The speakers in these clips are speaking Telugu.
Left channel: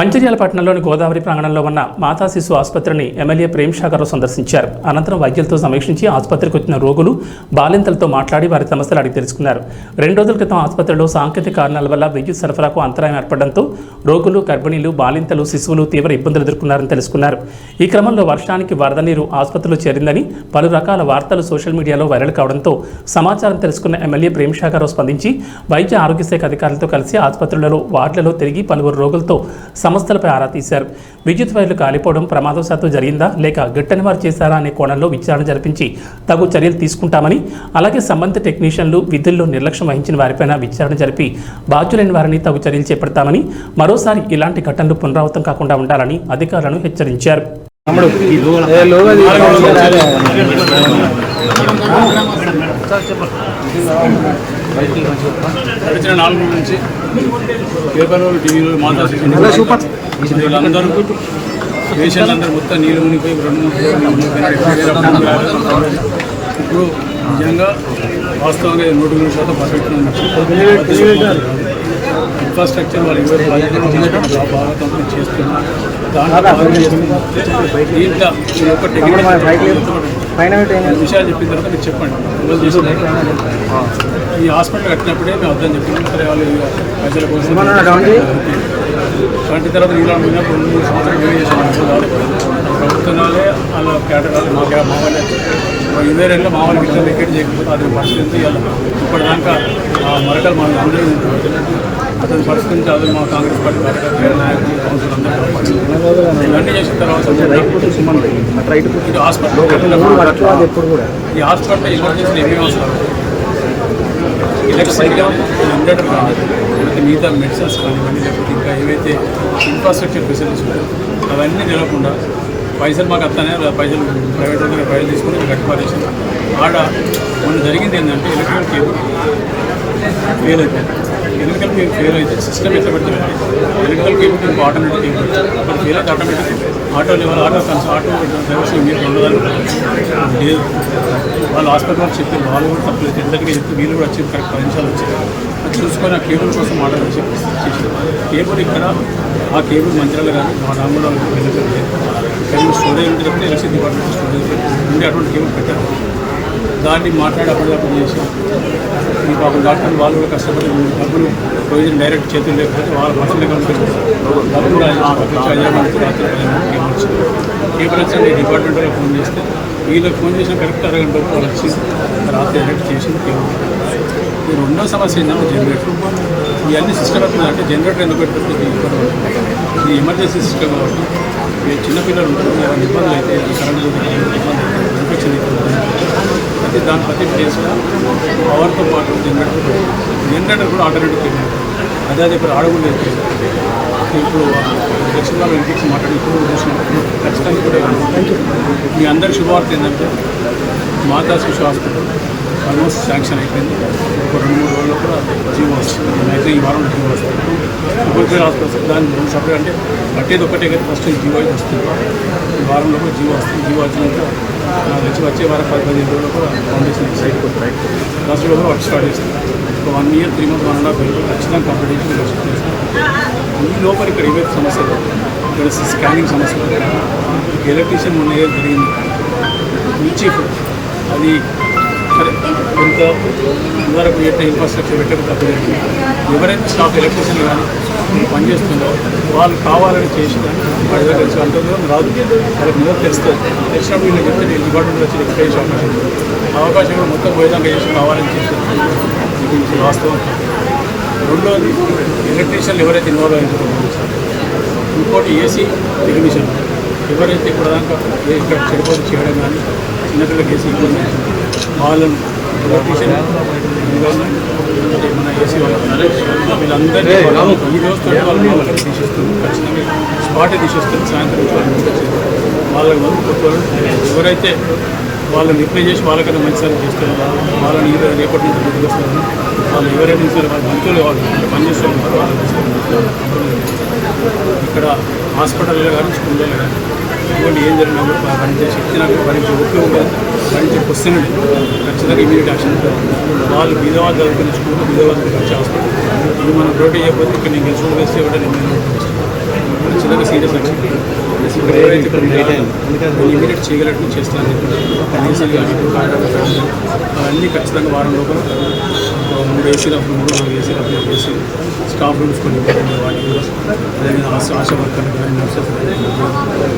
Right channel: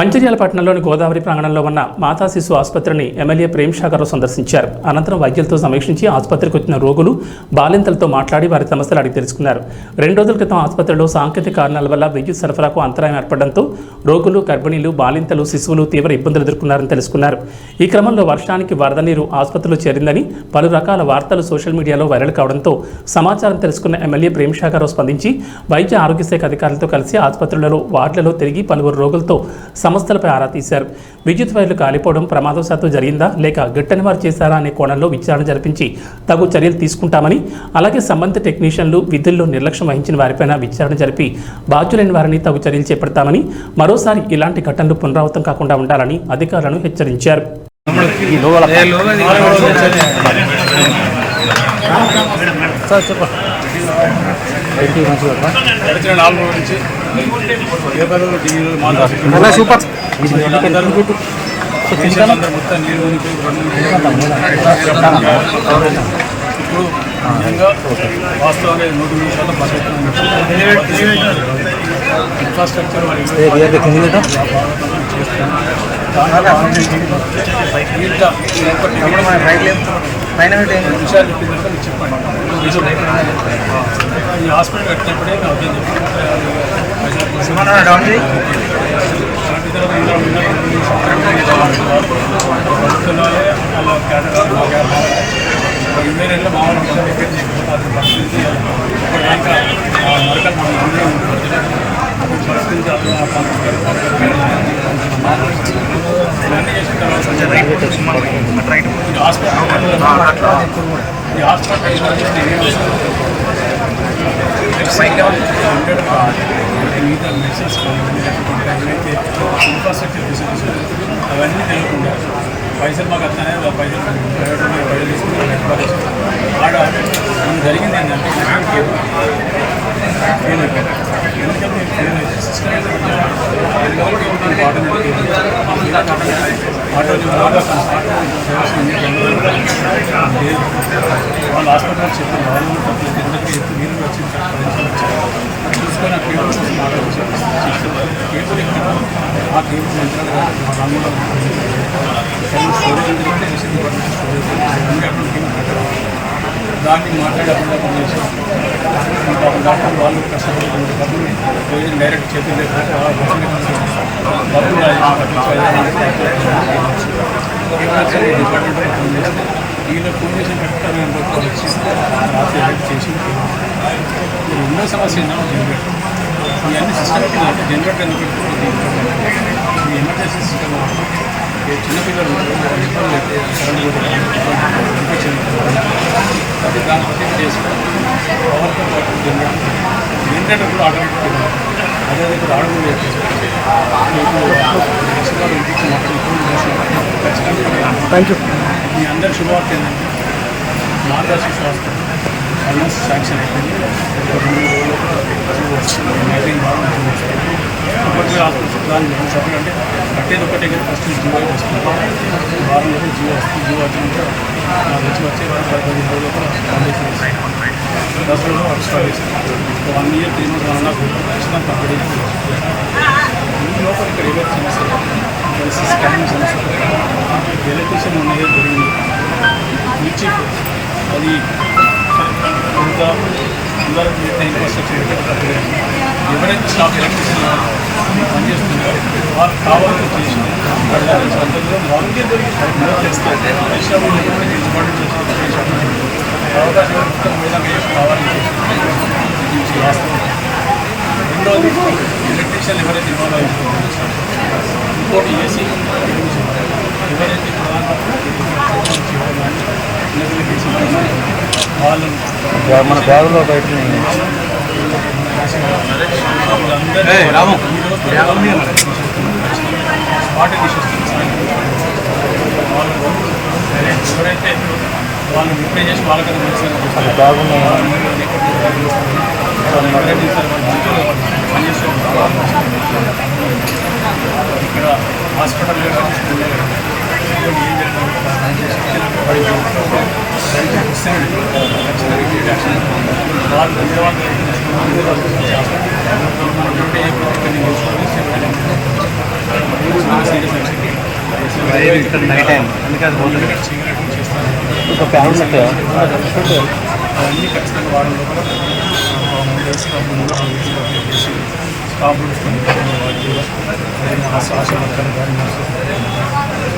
మంచిర్యాల పట్టణంలోని గోదావరి ప్రాంగణంలో ఉన్న మాతా శిశు ఆసుపత్రిని ఎమ్మెల్యే ప్రేమ్ సాగర్ సందర్శించారు. అనంతరం వైద్యులతో సమీక్షించి ఆసుపత్రికి వచ్చిన రోగులు బాలింతలతో మాట్లాడి వారి సమస్యలు అడిగి తెలుసుకున్నారు. 2 రోజుల క్రితం ఆసుపత్రిలో సాంకేతిక కారణాల వల్ల విద్యుత్ సరఫరాకు అంతరాయం ఏర్పడడంతో రోగులు, గర్భిణీలు, బాలింతలు, శిశువులు తీవ్ర ఇబ్బందులు ఎదుర్కొన్నారని తెలుసుకున్నారు. ఈ క్రమంలో వర్షానికి వరద నీరు ఆసుపత్రిలో చేరిందని పలు రకాల వార్తలు సోషల్ మీడియాలో వైరల్ కావడంతో సమాచారం తెలుసుకున్న ఎమ్మెల్యే ప్రేమ్ సాగర్ స్పందించి వైద్య ఆరోగ్య శాఖ అధికారులతో కలిసి ఆసుపత్రులలో వార్డులలో తిరిగి పలువురు రోగులతో సమస్యలపై ఆరా తీశారు. విద్యుత్ వైర్లు కాలిపోవడం ప్రమాదవశాత్తు జరిగిందా లేక గిట్టని వారు చేశారా అనే కోణంలో విచారణ జరిపించి తగు చర్యలు తీసుకుంటామని, అలాగే సంబంధిత టెక్నీషియన్లు విధుల్లో నిర్లక్ష్యం వహించిన వారిపైన విచారణ జరిపి బాధ్యులైన వారిని తగు చర్యలు చేపడతామని, మరోసారి ఇలాంటి ఘటనలు పునరావృతం కాకుండా ఉండాలని అధికారులను హెచ్చరించారు. గడిచిన 4 రోజుల నుంచి పేపర్లు, టీవీలు పేషెంట్లందరూ మొత్తం నీళ్ళు మునిగిపోయి ఇప్పుడు నిజంగా వాస్తవంగా 100% పర్ఫెక్ట్ ఇన్ఫ్రాస్ట్రక్చర్ వాళ్ళు చేస్తున్నారు. దాంట్లో ఇంకా ఒక విషయాలు చెప్పిన తర్వాత మీరు చెప్పండి. ఈ హాస్పిటల్ కట్టినప్పుడే మేము అర్థం చెప్పాము. ప్రజల కోసం కరెంట్ తర్వాత 2-3 సంవత్సరాలు ప్రభుత్వాలే అలా కేటరాలు మా వాళ్ళు 20 మా వాళ్ళు విషయాలు ఎక్కడ చేయకపోతే అది పరిస్థితి ఇప్పటిదాకా మరకలు మనం అందరూ ఉంటుంది. అతను పరిస్థితి అది మా కాంగ్రెస్ పార్టీ ఇవన్నీ చేసిన తర్వాత ఈ హాస్పిటల్ ఎన్ని అవసరం మిగతా మెడిసిన్స్ కానివ్వండి, లేకపోతే ఇంకా ఏవైతే ఇన్ఫ్రాస్ట్రక్చర్ ఫెసిలిటీస్ అవన్నీ నిలవకుండా పైసలు మాకు వస్తానే పైసలు ప్రైవేట్ తీసుకుని కట్టుకోవాలి. ఆడ మనకు జరిగింది ఏంటంటే ఎలక్ట్రిక్ కేబుల్ ఫెయిల్ అయిపోయింది. ఎలక్ట్రికల్ కేబుల్ ఫెయిల్ అయితే సిస్టమ్ అయితే బట్టి ఎలక్ట్రికల్ కేబుల్ మీకు ఆటోమేటిక్ కేబుల్ ఆటోమేటిక్ ఆటోలు ఆటో డ్రైవర్స్ మీకు లేదు. వాళ్ళు హాస్పిటల్ వాళ్ళు చెప్పి వాళ్ళు కూడా తప్పలేదు. ఎందరికీ చెప్తే వీళ్ళు కూడా వచ్చి కరెక్ట్ 10 నిమిషాలు వచ్చారు చూసుకొని ఆ కేబుల్ కోసం ఆలోచించి కేబుల్ ఇక్కడ ఆ కేబుల్ మంత్రాలు కానీ రాంగులో స్టోరేజ్ ఉంటే చెప్తే ఎలక్ట్రిసిటీ డిపార్ట్మెంట్ స్టోరేజ్ ఉండే అటువంటి కేబుల్ పెట్టారు. దాన్ని మాట్లాడి అప్పుడు చేసి పాపం డాక్టర్ వాళ్ళు కూడా కష్టపడి డబ్బులు రోజు డైరెక్ట్ చేతులు లేకపోతే వాళ్ళు డబ్బులు డిపార్ట్మెంట్ వాళ్ళు ఫోన్ చేస్తే వీళ్ళకి ఫోన్ చేసిన కరెక్ట్ అరగంట వాళ్ళు వచ్చి రాత్రి ఎలక్ట్ చేసి ఈ రెండో సమస్య ఏంటంటే జనరేటర్. ఇవన్నీ సిస్టమేటిక్ అయితే జనరేటర్ ఎందుకు పెట్టుకుంటుంది? ఇది ఎమర్జెన్సీ సిస్టమ్ కాబట్టి చిన్నపిల్లలు ఉంటారు, వాళ్ళ ఇబ్బందులు అయితే కరెంట్ ఇన్ఫెక్షన్ అయితే దాన్ని ప్రత్యేక చేసిన పవర్తో పాటు జనరేటర్ కూడా ఆటోమేటిక్ అదే ఇప్పుడు ఆడకుండా మీకు ఎక్స్ట్రా ఇంటికి మాటలు ఇప్పుడు చేసినప్పుడు ఖచ్చితంగా థ్యాంక్ యూ. మీ అందరి శుభవార్త ఏంటంటే మాతా శిశు హాస్పిటల్ ఆల్మోస్ట్ శాంక్షన్ అయిపోయింది. ఒక 2-3 రోజులు కూడా జీవో వస్తుంది. అయితే ఈ వారం జీవో వస్తుంది. ఇప్పుడు హాస్పిటల్ దాన్ని సపరేట్ అంటే కట్టేది ఒకటే కానీ ఫస్ట్ జీవో వస్తుంది. ఈ వారంలో కూడా జీవో వస్తుంది. జీవో వచ్చినాక నాకు వచ్చే వారం 10-15 రోజుల్లో కూడా ఫౌండేషన్ సైట్ కొడుతుంది. దసరా వర్క్ స్టార్ట్ చేస్తుంది. 1 year 3 months 1.5 ఖచ్చితంగా కంప్లీట్ చేస్తుంది. ఈ లోపల ఇక్కడ ఇవే సమస్యలు, ఇక్కడ స్కానింగ్ సమస్యలు, ఎలక్ట్రీషియన్ ఉన్నదే జరిగింది చీఫ్ అది సరే కొంత ఇదివరకు మిగతా ఇన్ఫ్రాస్ట్రక్చర్ ఎక్కడ తప్పలేదు. ఎవరైతే స్టాఫ్ ఎలక్ట్రీషియన్ పనిచేస్తున్నారో వాళ్ళు కావాలని చేసిన వాడి దగ్గర నుంచి అంత దూరం రాదు. వాళ్ళకి ముందు తెస్తే తెచ్చినప్పుడు నేను చెప్తే డిపార్ట్మెంట్ వచ్చి ఉపయోగించాలి. అవకాశం కూడా మొత్తం పోయినా వేసి కావాలని చేసి వాస్తవం. రెండోది ఎలక్ట్రీషియన్లు ఎవరైతే ఇన్వాల్వ్ అయ్యారో ఇంకోటి ఏసీ ఎడ్మిషన్ ఎవరైతే ఇప్పుడు దాకా ఇక్కడ చదువుకోవడం చేయడం కానీ చిన్నపిల్లలకి ఏసీ కానీ వాళ్ళని స్పాట్ తీసేస్తుంది. సాయంత్రం వాళ్ళ ఎవరైతే వాళ్ళని రిప్లై చేసి వాళ్ళకన్నా మంచి సార్ చూస్తారు. వాళ్ళని రేపటి నుంచి చూస్తారు. వాళ్ళు ఎవరైతే ఇస్తారు వాళ్ళు మంచులు వాళ్ళు పనిచేస్తూ ఉంటారు. ఇక్కడ హాస్పిటల్లో కానీ స్కూల్లో కానీ ఇవన్నీ ఏం జరిగినా కూడా పనిచేసి ఇచ్చినప్పుడు వారికి ఒప్పులో ఉంటుంది. దానికి వస్తున్నాడు ఖచ్చితంగా ఇమీడియట్ యాక్షన్ వాళ్ళు బీదవాళ్ళు జరుగుతున్న స్కూల్లో బీదవాళ్ళు వచ్చి హాస్పిటల్ ఇది మనం రోటీ చేయకపోతే ఇక్కడ నేను ఇన్సూరెన్స్ వేస్తే కూడా నేను నైట్ అయింది అందుకని చేయగలిగి చేస్తాను. అవన్నీ ఖచ్చితంగా వారం లోపల 3 ఏసీ రఫ్లు 3-4 ఏసీ రఫ్లు చేసి స్టాఫ్ రూమ్స్ కొన్ని వాటి కూడా ఆశా వర్కర్లు కానీ నర్సెస్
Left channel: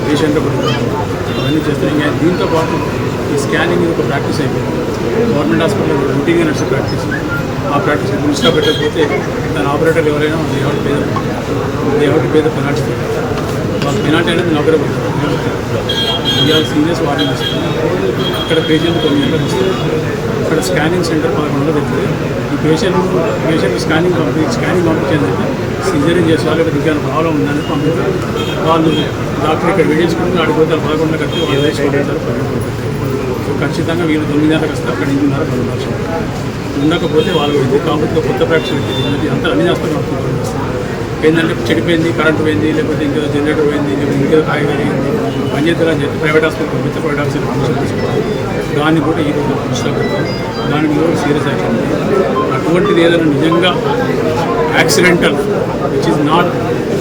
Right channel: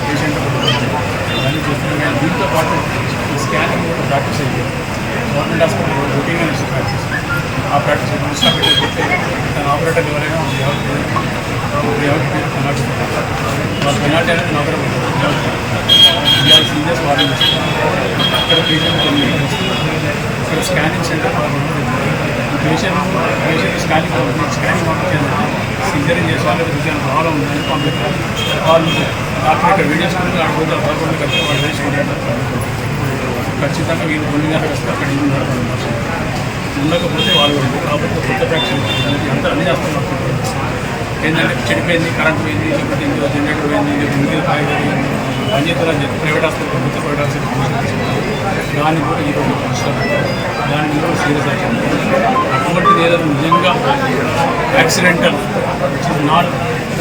పేషెంట్ అవన్నీ చేస్తాను. దీంతో పాటు స్కానింగ్ ఒక ప్రాక్టీస్ అయింది. గవర్నమెంట్ హాస్పిటల్లో రొటీన్గా నడిచే ప్రాక్టీస్. ఆ ప్రాక్టీస్ దృష్టిలో పెట్టకపోతే దాని ఆపరేటర్ ఎవరైనా ఎవరి పేద పెనాల్టీ వాళ్ళ పెనాల్టీ అనేది నౌకరే పడుతుంది. ఇవాళ సీనియర్స్ వార్నింగ్ ఇస్తారు. ఇక్కడ పేషెంట్ కొన్ని గంటలకు వస్తుంది. ఇక్కడ స్కానింగ్ సెంటర్ 11 వెళ్తుంది. ఈ పేషెంట్ స్కానింగ్ పంపించేందంటే సిజరింగ్ చేసే వాళ్ళకి దుకాణం ప్రాబ్లం ఉందని పంపిస్తారు. వాళ్ళు డాక్టర్ ఇక్కడ వెయిట్ చేసుకుంటే ఆడిపోతారు. 11 కలిసి వాళ్ళు వేసుకుంటారు. ఖచ్చితంగా వీళ్ళు 9 గంటలకు వస్తే అక్కడ 8:30 12 ఉండకపోతే వాళ్ళు కాకపోతే కొత్త ప్రాక్టీస్ అంతా అన్ని చేస్తారు. ఏంటంటే చెడిపోయింది, కరెంట్ పోయింది, లేకపోతే ఇంకేదో జనరేటర్ పోయింది, లేకపోతే ఇంకేదో కాయగలిగింది పనిచేస్తారని చెప్పి private hospital private hospital permission తీసుకుంటారు. దాన్ని కూడా ఈరోజు దృష్టిలో పెట్టారు. దాని మీద కూడా సీరియస్ యాక్షన్. అటువంటిది ఏదైనా నిజంగా accidental which is not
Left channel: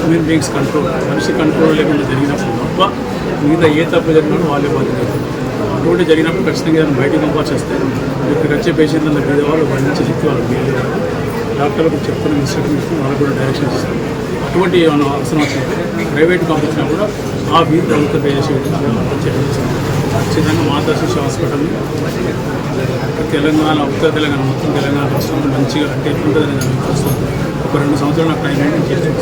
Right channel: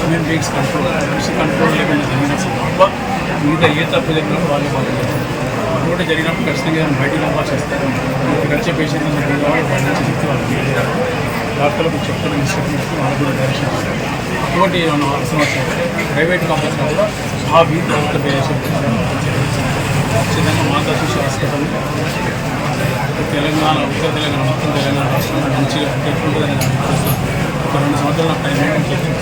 human beings control, మనిషి కంట్రోల్ లేకుండా జరిగినప్పుడు తప్ప మిగతా ఏ తప్పు జరిగినప్పుడు వాళ్ళే బాధ్యత. అటువంటి జరిగినప్పుడు ఖచ్చితంగా ఏదైనా బయటికి పంపాల్సి వస్తే ఇక్కడ వచ్చే పేషెంట్ అందరూ మీద వాళ్ళు వాళ్ళ నుంచి శక్తి వాళ్ళు డాక్టర్లకు చెప్తున్న ఇన్స్ట్రక్షన్స్ వాళ్ళకు కూడా డైరెక్షన్ ఇస్తారు. అటువంటి ఏమైనా అవసరం వచ్చినప్పుడు ప్రైవేట్ పంపించినా కూడా ఆ వీక్ ప్రభుత్వం చేసే ఖచ్చితంగా మాతా శిశు హాస్పిటల్ని తెలంగాణ ఉత్తర తెలంగాణ మొత్తం తెలంగాణ రాష్ట్రంలో మంచిగా అంటే ఎట్లుంటుందని ఒక 2 సంవత్సరాలు నాకు టైం చేస్తాను.